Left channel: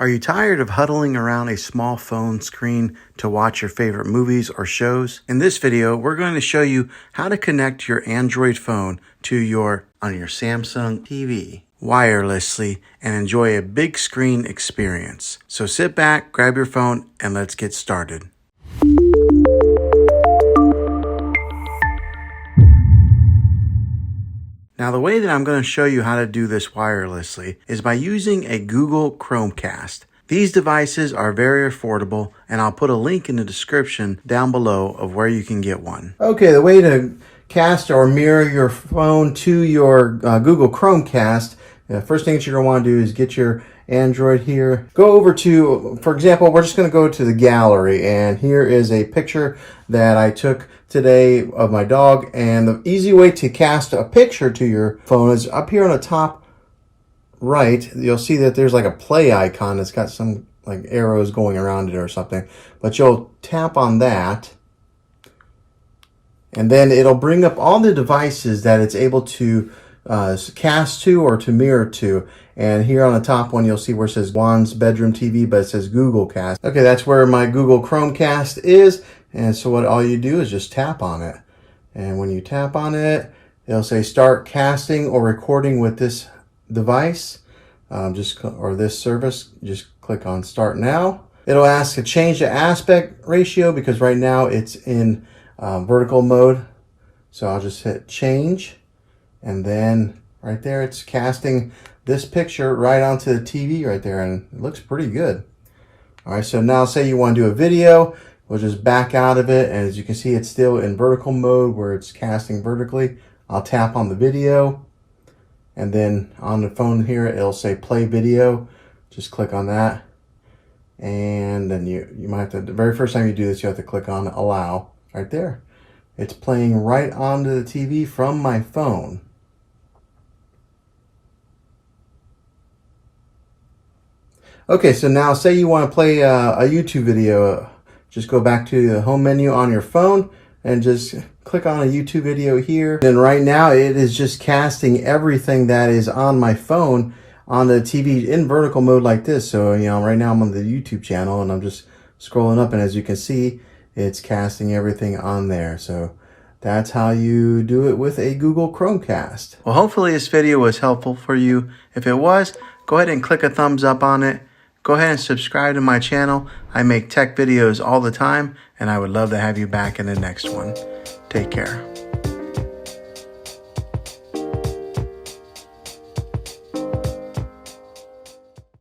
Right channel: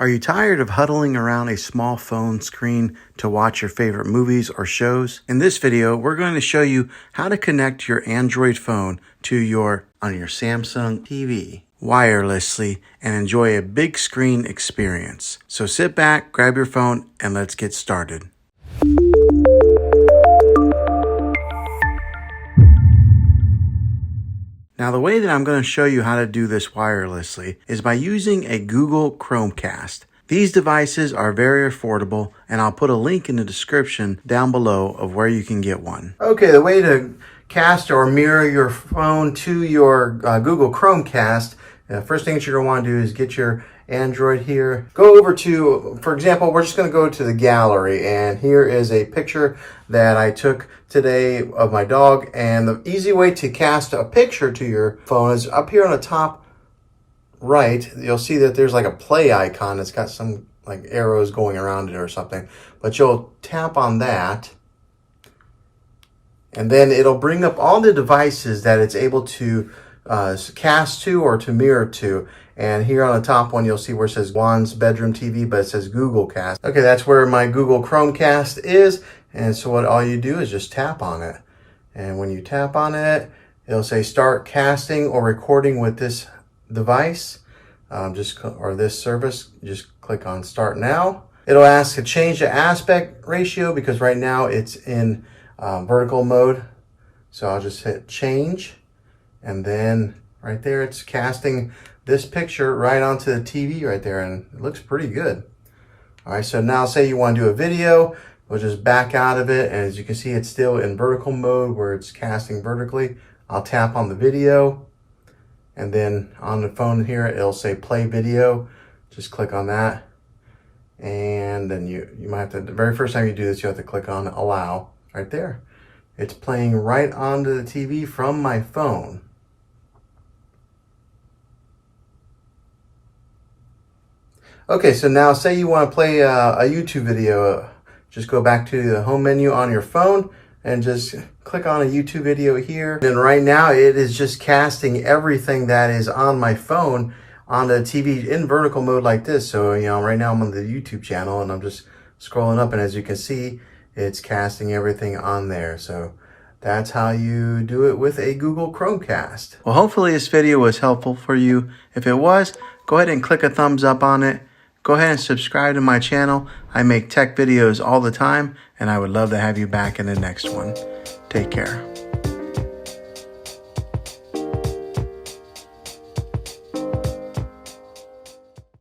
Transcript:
Are you tired of huddling around a small phone screen to watch your favorite movies or shows? In this video, we're going to show you how to connect your Android phone to your Samsung TV wirelessly and enjoy a big screen experience. So sit back, grab your phone, and let's get started. Now, the way that I'm going to show you how to do this wirelessly is by using a Google Chromecast. These devices are very affordable, and I'll put a link in the description down below of where you can get one. Okay, the way to cast or mirror your phone to your Google Chromecast, the first thing that you're going to want to do is get your Android here. Go over to, for example, we're just going to go to the gallery, and here is a picture that I took today of my dog. And the easy way to cast a picture to your phone is up here on the top right. You'll see that there's like a play icon. It's got some like arrows going around it or something, but you'll tap on that, and then it'll bring up all the devices that it's able to cast to or to mirror to. And here on the top one, you'll see where it says Juan's bedroom TV, but it says Google Cast. Okay, that's where my Google Chromecast is. And so what all you do is just tap on it. And when you tap on it, it'll say start casting or recording with this device, or this service. Just click on start now. It'll ask to change the aspect ratio because right now it's in vertical mode. So I'll just hit change. And then right there, it's casting this picture right onto the TV right there, and it looks pretty good. All right, so now say you want to do a video, we'll just back out of it, and as you can see, it's still in vertical mode where it's casting vertically. I'll tap on the video, and then on the phone here, it'll say play video. Just click on that, and then you might have to, the very first time you do this, you have to click on allow right there. It's playing right onto the TV from my phone. Okay, so now say you want to play a YouTube video. Just go back to the home menu on your phone and just click on a YouTube video here. And right now it is just casting everything that is on my phone on the TV in vertical mode like this. So, you know, right now I'm on the YouTube channel and I'm just scrolling up, and as you can see, it's casting everything on there. So that's how you do it with a Google Chromecast. Well, hopefully this video was helpful for you. If it was, go ahead and click a thumbs up on it. Go ahead and subscribe to my channel. I make tech videos all the time, and I would love to have you back in the next one. Take care.